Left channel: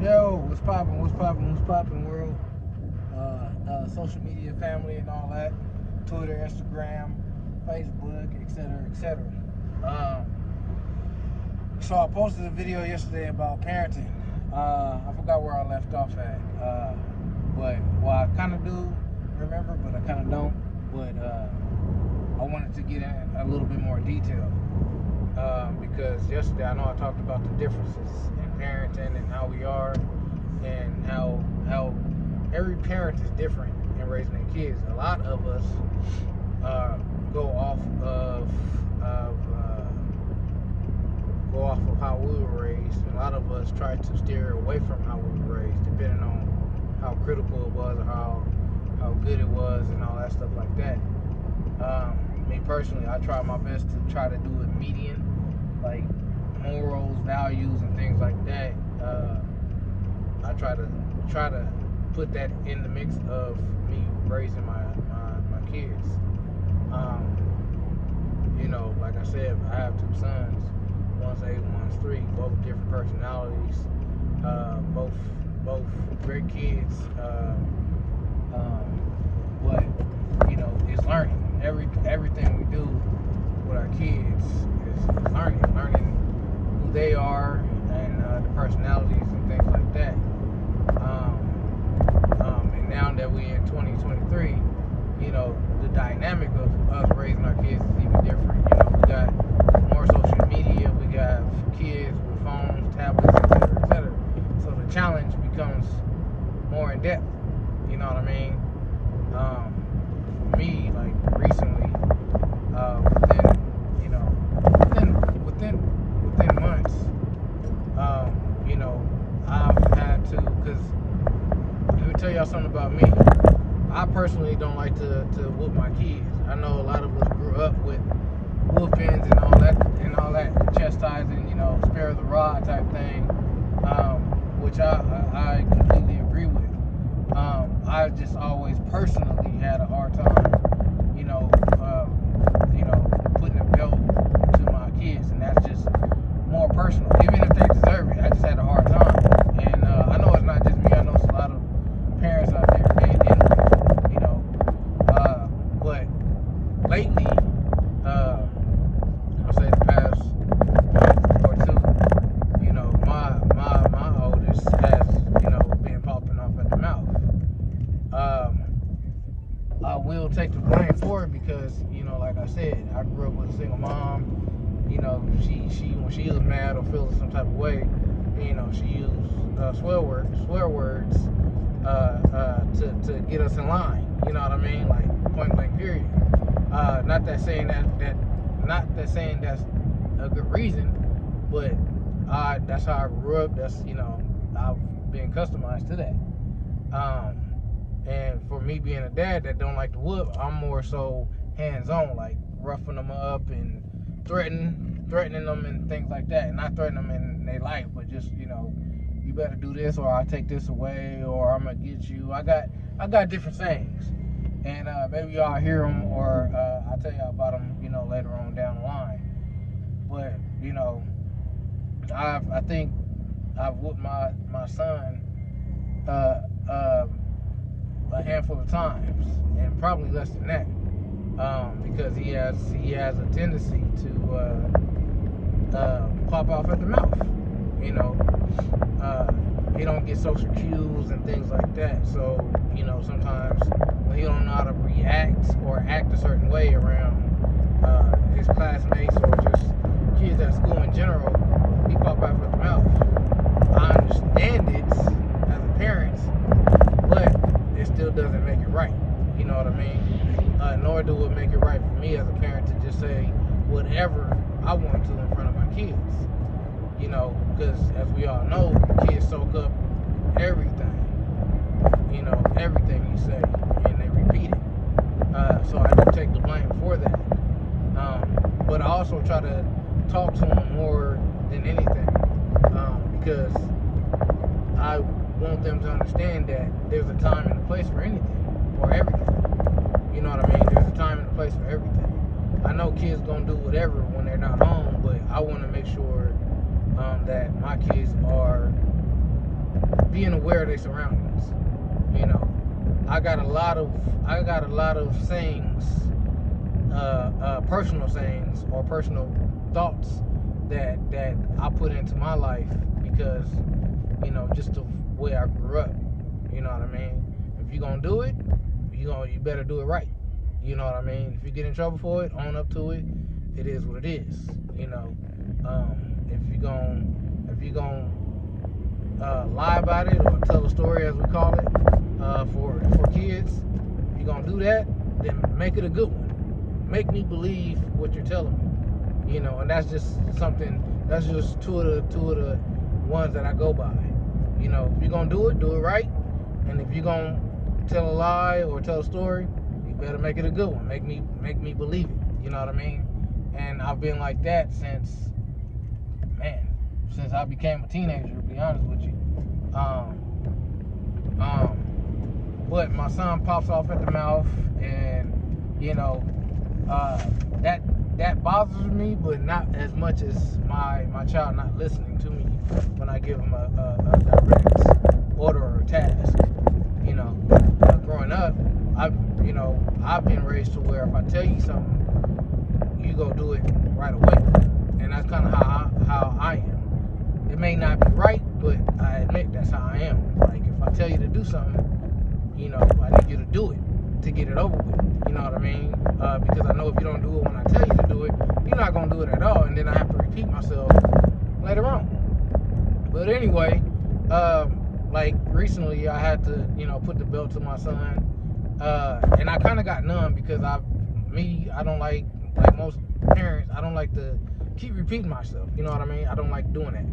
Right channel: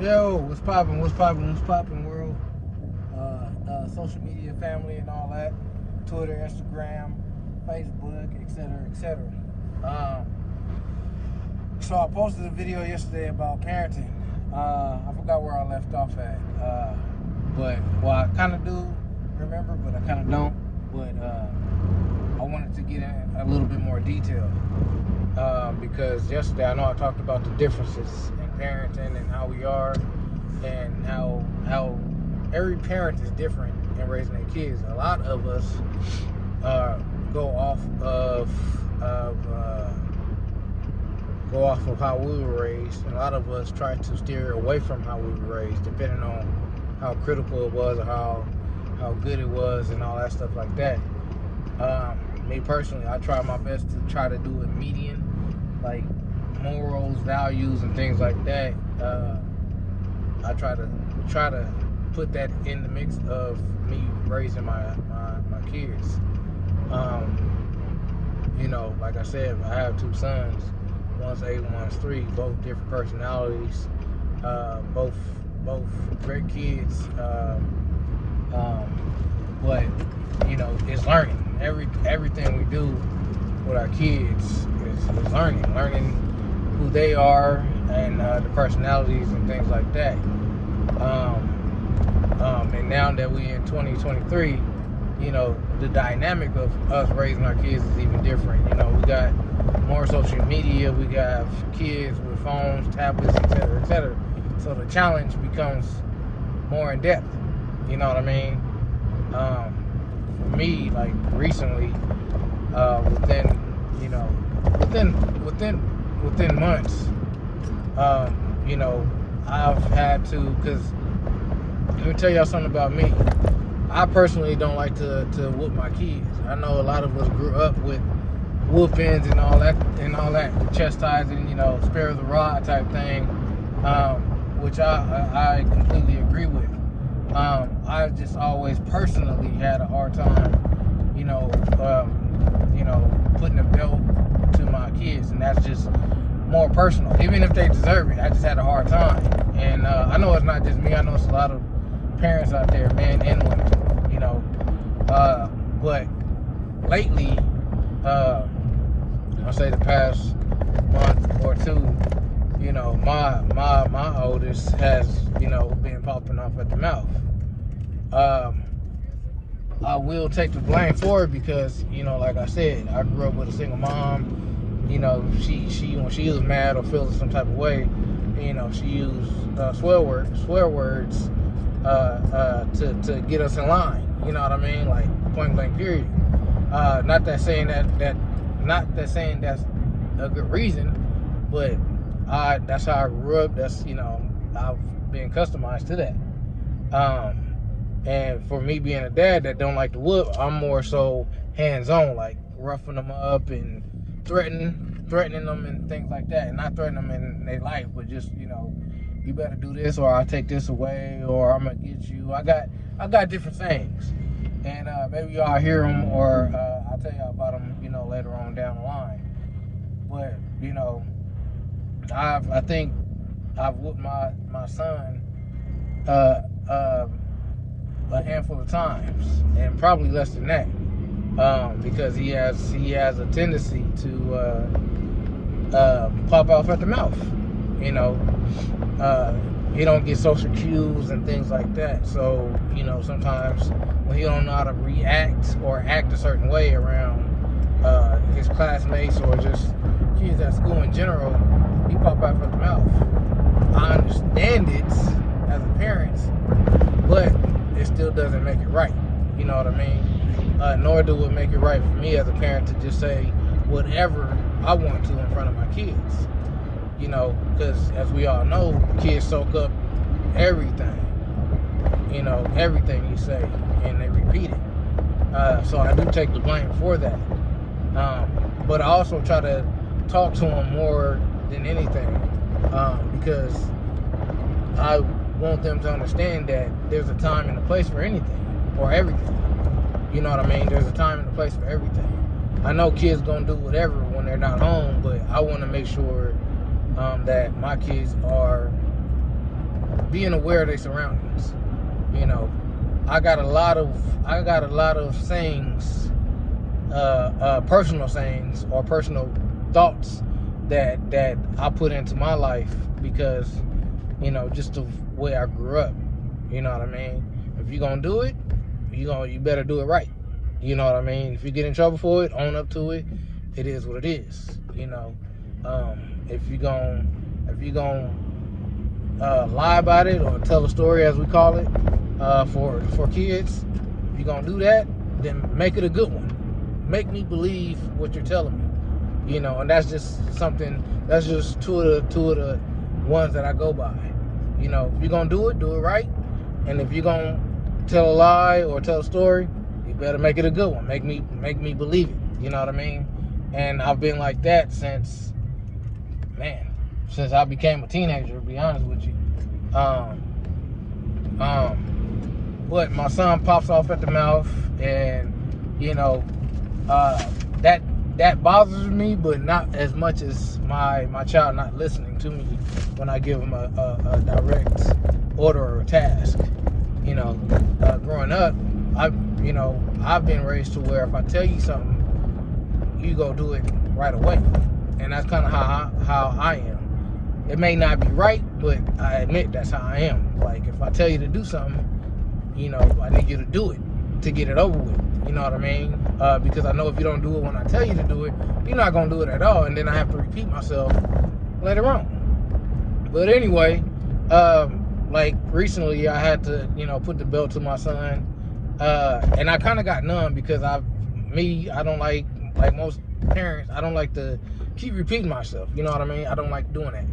Yo, what's poppin'? What's poppin'? What's poppin', world? Social media family and all that. Twitter, Instagram, Facebook, etc., etc. So I posted a video yesterday about parenting. I forgot where I left off at. Well, I kind of do remember, but I kind of don't. But I wanted to get in a little bit more detail because yesterday I know I talked about the differences in parenting and how we are, and how every parent is different in raising their kids. A lot of us go off of how we were raised. A lot of us try to steer away from how we were raised, depending on how critical it was, or how good it was, and all that stuff like that. Me personally, I try my best to try to do it median, like morals, values, and things like that. I try to put that in the mix of me raising my kids. Like I said, I have two sons. One's 8, one's 3. Both different personalities. Both great kids. But it's learning. Everything we do with our kids is learning who they are, and the personalities and things like that. And now that we in 2023, the dynamic of us raising our kids is even different. We got more social media, we got kids with phones, tablets, etc., etc. So the challenge becomes more in depth. You know what I mean? For me, like recently, within months, I've had to, because let me tell y'all something about me. I personally don't like to whoop my kids. I know a lot of us grew up with whoopings and all that chastising, spare the rod type thing, which I completely agree with. I just always personally had a hard time, putting a belt to my kids, and that's just more personal. Even if they deserve it, I just had a hard time. And I know it's not just me. I know it's a lot of parents out there, men and women, but lately, I'll say the past month or two, my oldest has, been popping off at the mouth. I will take the blame for it because, like I said, I grew up with a single mom. She when she was mad or feeling some type of way, she used swear words to get us in line. You know what I mean? Like point blank period. Not that saying that's a good reason, but that's how I grew up. That's I've been customized to that. And for me being a dad that don't like to whoop, I'm more so hands-on, like roughing them up and threatening them and things like that. And not threatening them in their life, but just you better do this, or I'll take this away, or I'm gonna get you. I got different things, and maybe y'all hear them, or I'll tell y'all about them, later on down the line. But I think I've whooped my son a handful of times, and probably less than that, because he has a tendency to pop off at the mouth. He don't get social cues and things like that. So sometimes when he don't know how to react or act a certain way around his classmates or just kids at school in general, he pop off at the mouth. I understand it as a parent, but it still doesn't make it right. You know what I mean? Nor do it make it right for me as a parent to just say whatever I want to in front of my kids. Because as we all know, kids soak up everything. Everything you say, and they repeat it. So I do take the blame for that. But I also try to talk to them more than anything, because I want them to understand that there's a time and a place for anything, or everything. You know what I mean? There's a time and a place for everything. I know kids gonna do whatever when they're not home, but I want to make sure that my kids are being aware of their surroundings. You know, I got a lot of sayings, personal sayings or personal thoughts that I put into my life because, you know, just the way I grew up. You know what I mean? If you're gonna do it, you better do it right. You know what I mean? If you get in trouble for it, own up to it. It is what it is. You know, if you gonna lie about it or tell a story, as we call it, for kids, if you're gonna do that, then make it a good one. Make me believe what you're telling me. You know, and that's just something. That's just two of the ones that I go by. You know, if you're gonna do it right. And if you're gonna tell a lie or tell a story, you better make it a good one. Make me believe it. You know what I mean? And I've been like that since I became a teenager, to be honest with you. But my son pops off at the mouth, and you know, that bothers me, but not as much as my child not listening to me when I give him a direct order or a task. You know, growing up, I've been raised to where if I tell you something, you go do it right away, and that's kind of how I am. It may not be right, but I admit that's how I am. Like, if I tell you to do something, you know, I need you to do it to get it over with. You know what I mean? Because I know if you don't do it when I tell you to do it, you're not gonna do it at all, and then I have to repeat myself later on. But anyway, like recently, I had to, you know, put the belt to my son, and I kind of got numb because I don't like most parents, I don't like to keep repeating myself. You know what I mean? I don't like doing that.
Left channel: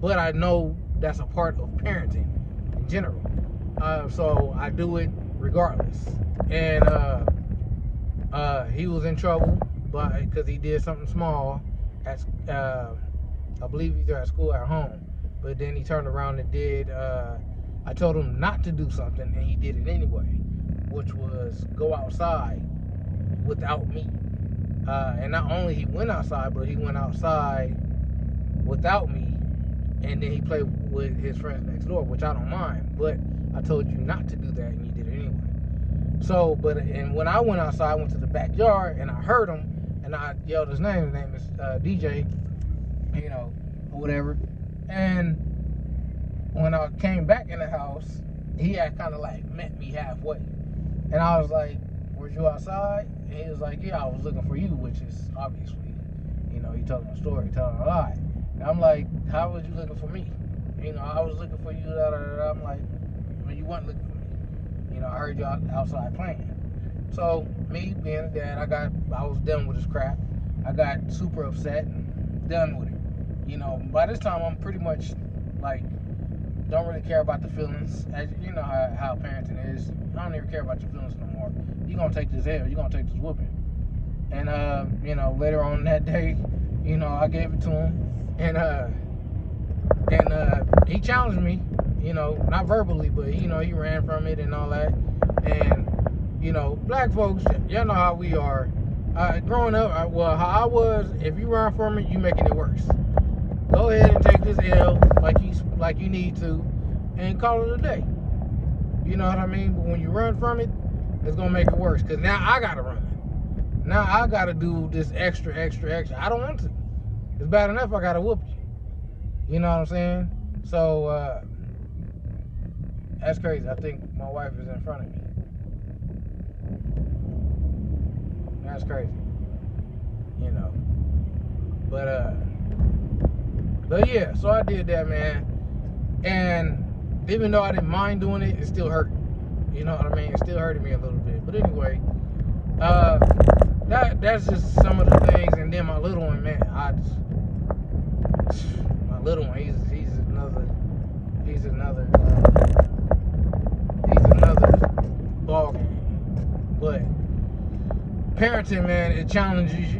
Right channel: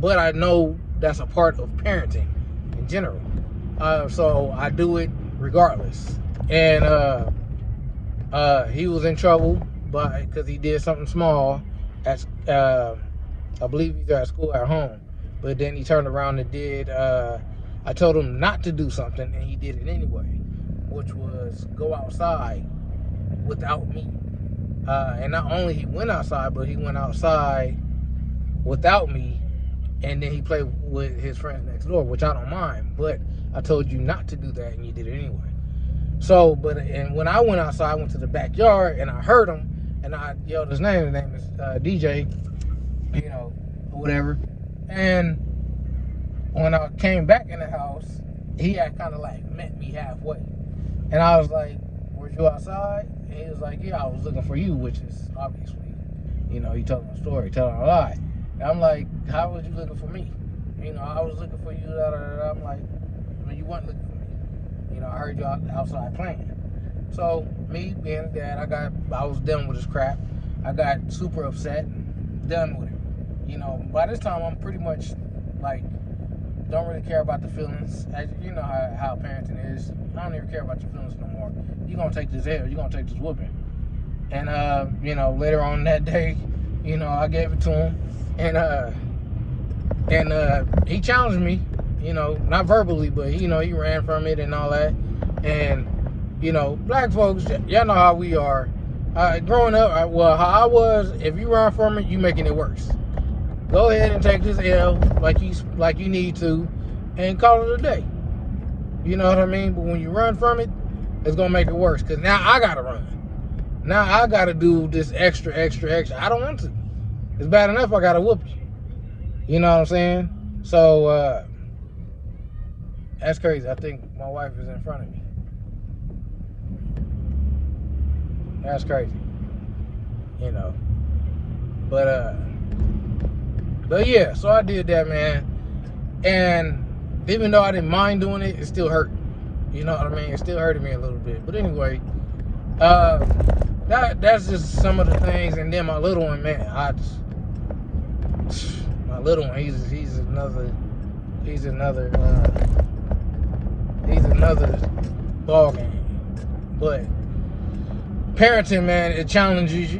But I know that's a part of parenting in general. So I do it regardless. And he was in trouble because he did something small at, I believe either at school or at home. But then he turned around and did, I told him not to do something, and he did it anyway, which was go outside without me. And not only he went outside, but he went outside without me, and then he played with his friends next door, which I don't mind. But I told you not to do that, and you did it anyway. So, and when I went outside, I went to the backyard, and I heard him, and I yelled his name. His name is DJ, you know, or whatever. And when I came back in the house, he had kind of like met me halfway. And I was like, were you outside? And he was like, yeah, I was looking for you, which is obviously, you know, he told him a story, telling a lie. And I'm like, how was you looking for me? You know, I was looking for you, da, da, da, da. I'm like, I mean, you weren't looking for me. You know, I heard you outside playing. So, me being dad, I was done with his crap. I got super upset, done with it. You know, by this time, I'm pretty much, like, don't really care about the feelings. As you know how parenting is. I don't even care about your feelings no more. You're going to take this L. You're going to take this whooping. And, you know, later on that day, you know, I gave it to him. And he challenged me, you know, not verbally, but, you know, he ran from it and all that. And, you know, black folks, y'all know how we are. Growing up, how I was, if you run from it, you making it worse. Go ahead and take this L like you need to, and call it a day. You know what I mean? But when you run from it, it's gonna make it worse. Cause now I gotta run. Now I gotta do this extra. I don't want to. It's bad enough I gotta whoop you. You know what I'm saying? So that's crazy. I think my wife is in front of me. That's crazy. You know. But yeah, so I did that, man. And even though I didn't mind doing it, it still hurt. You know what I mean? It still hurted me a little bit. But anyway, that's just some of the things. And then my little one, man, my little one, he's another ball game. But parenting, man, it challenges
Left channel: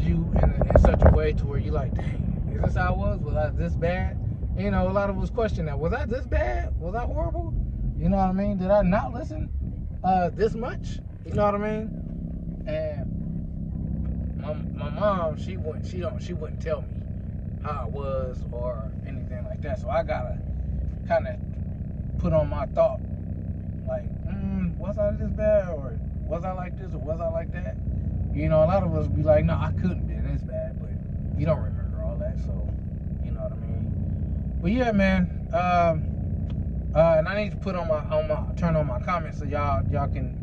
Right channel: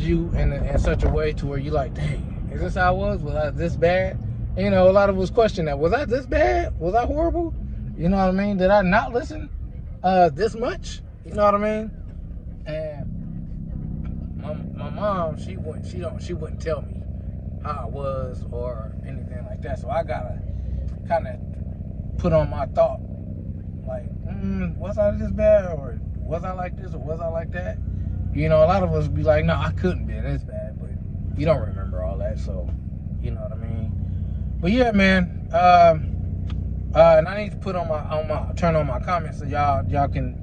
you in such a way to where you like, dang, is this how I was? Was I this bad? And, you know, a lot of us question that. Was I this bad? Was I horrible? You know what I mean? Did I not listen this much? You know what I mean? And my mom, she wouldn't tell me. how I was or anything like that. So I gotta kind of put on my thought, like, was I this bad, or was I like this, or was I like that? You know, a lot of us be like, no, I couldn't be this bad, but you don't remember all that, so you know what I mean. But yeah, man. And I need to put on my turn on my comments so y'all can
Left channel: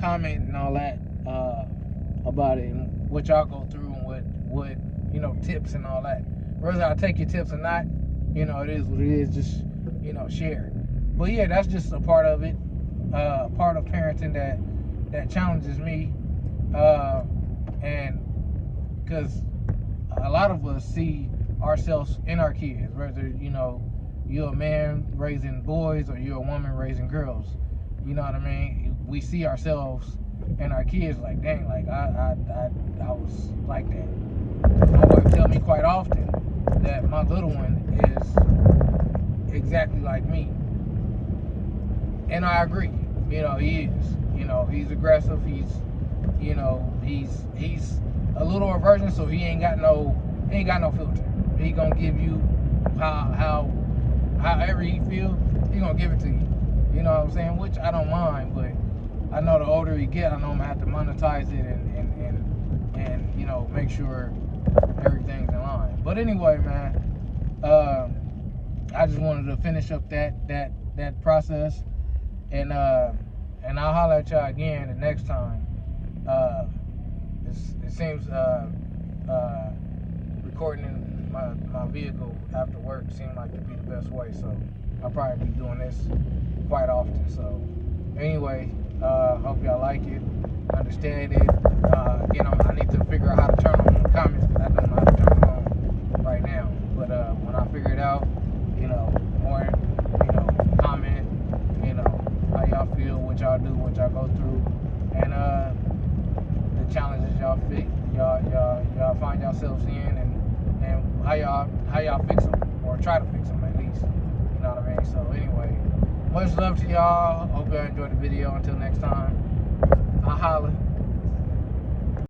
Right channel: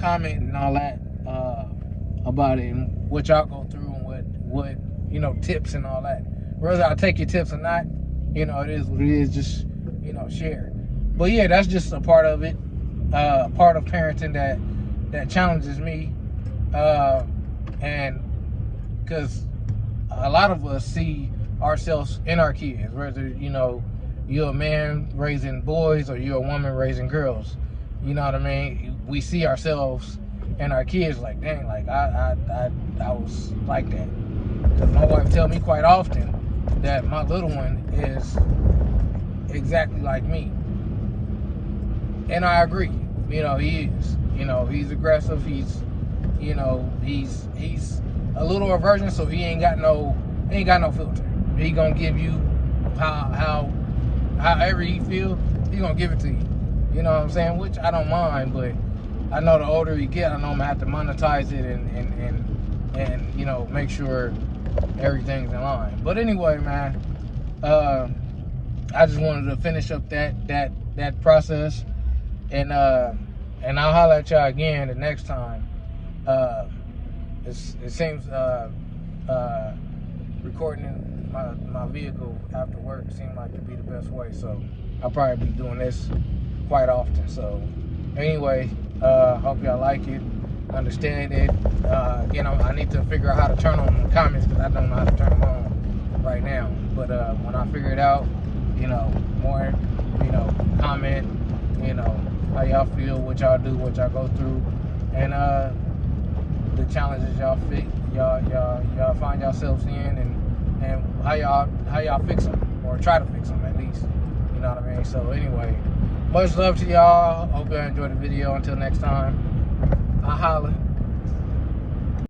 comment and all that about it and what y'all go through and what you know, tips and all that. Whether I take your tips or not, you know, it is what it is. Just, you know, share. But yeah, that's just a part of it. Part of parenting that challenges me, and because a lot of us see ourselves in our kids, whether, you know, you're a man raising boys or you're a woman raising girls. You know what I mean? We see ourselves in our kids, like, dang, like I was like that. My wife tells me quite often that my little one is exactly like me, and I agree. You know, he is. You know, he's aggressive. He's, you know, he's a little aversion, so he ain't got no filter. He gonna give you however he feel. He gonna give it to you. You know what I'm saying? Which I don't mind, but I know the older you get, I know I'm gonna have to monetize it and you know, make sure everything's in line. But anyway, man, I just wanted to finish up that process, and I'll holler at y'all again the next time. It seems recording my vehicle after work seemed like to be the best way, so I'll probably be doing this quite often. So anyway, hope y'all like it, understand it. You know, I need to figure out how to turn on the comments because I don't know how to turn them on right now. But when I figure it out, you know, more, you know, comment, you know, how y'all feel, what y'all do, what y'all go through, and the challenges y'all find yourselves in, and how y'all fix them, or try to fix them at least. You know what I mean? So anyway, much love to y'all. Hope y'all enjoyed the video. Until next time, I'll holler.